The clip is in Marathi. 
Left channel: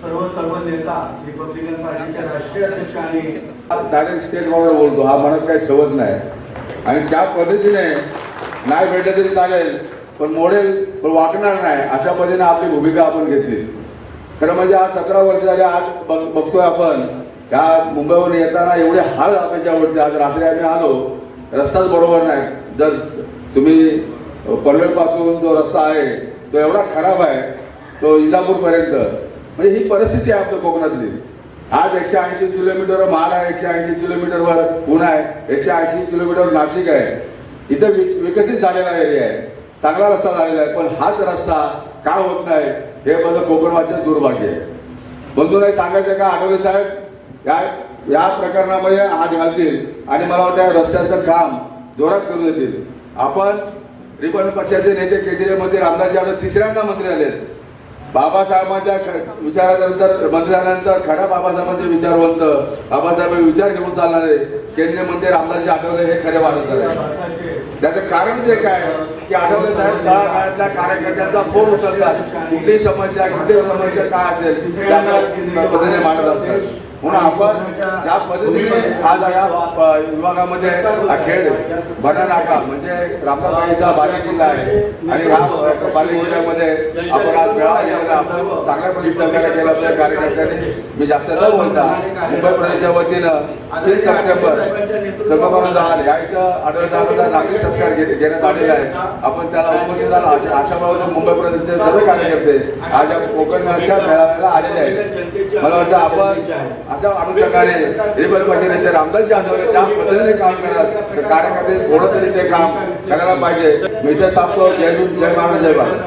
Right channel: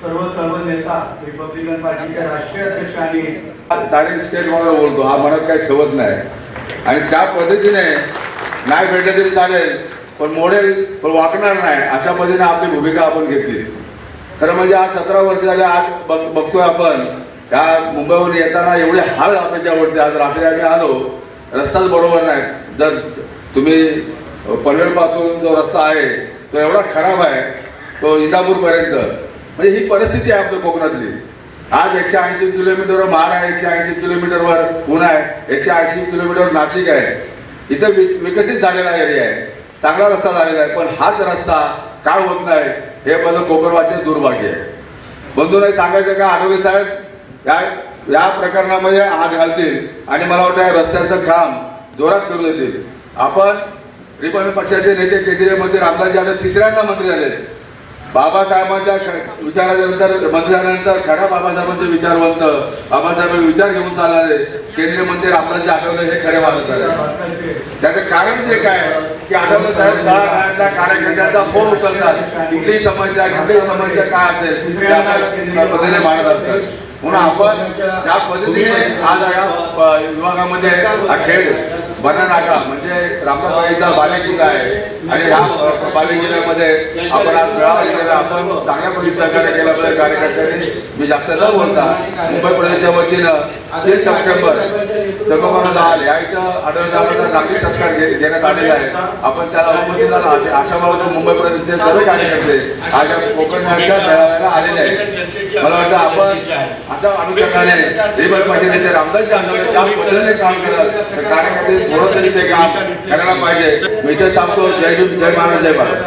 सर्व नेता राष्ट्रीय बोलतो हा म्हणत काही ठेवत नाही. आणि त्या पद्धतीने नाही भेटलं तरी चालेल पण मोडेल पण वाकणार नाही अशा पद्धतीने आपली भूमिका आपण घेतली. खरं म्हणजे आज सतरा वर्ष झाले आज बघ बघतोय आपण या मुंबईहून येताना एवढे हाल आपल्याच्यावरती आज रात्री आम्ही आलो रस्ताच बरोबर नाही. जर तुम्ही पनवेलपासून जो रस्ता आहे तो एवढा खराब आहे तो इंदापूरपर्यंत. म्हणजे ही परिस्थिती आहे आपल्या कोकणातली. आज एकशे ऐंशी किलोमीटरवर महाड आहे एकशे ऐंशी किलोमीटरवर पुणे आहे एकशे ऐंशी किलोमीटर नाशिक आहे. इथं विकसित झालेला एरिया आहे. चांगला रस्ता झालेला आहे पण हाच रस्ता का होत नाही हे माझं कोकणवाचे दुर्भाग्य आहे. बंधूंना सांगायचं का आरोग्य साहेब या या प्रकरणामध्ये हात घालतील आणि मला वाटतं रस्त्याचं काम जोरात करू देतील. आपण रिपब्लिक पक्षाचे नेते केंद्रीय मंत्री रामदास यादव तिसऱ्यांदा मंत्री झाले. बाबासाहेबांच्या विचारानंतर मंत्री झाल्यानंतर खऱ्या बाबासाहेबांचे विचारवंत बाबासाहेब विचार घेऊन चालणारे केंद्रीय मंत्री रामदास आठवले हे खरे माणूस झाले त्याचं कारण जे काय? की आढळलं साहेब तळागाळातल्या कार्यकर्त्यांचा फोन उचलतात. कुठली समस्या कुठली समस्या काय असेल त्या पद्धतीने मांडत असतात. म्हणून आपण त्या पद्धतीने आज या विभागामध्ये हा खेळ बना नाका म्हणजे बाले बालेकिल्ला आहे आणि ह्या बालेकिल्ल्यामध्ये आपण आज वेळा आपण चांगल्या पद्धती सहकार्य केलं असं कार्यकर्त्यांनी. मी जास्त न बोलता मुंबई प्रदेशच्या वतीनं तीन सप्टेंबर सगोपना दहा या इथं आढळता नागरिक संस्कार देण्यात आलेला आहे आपण त्याला उपस्थित झाला. असे आशा मला मुंबई प्रदेशचे सर्व कार्यकर्ते आज कोकण मेळाव्याला आलेले आहेत. मला वाटतं आपण अशा अनुषंगाने रिबल पाटील येथे रामदासजी आंदोलन ज्या पद्धतीने काम करतात तर कार्यकर्ते थोडं तरी ते काम करायला पाहिजे. मी ते सांगतो जय जय महाराज जय भारत.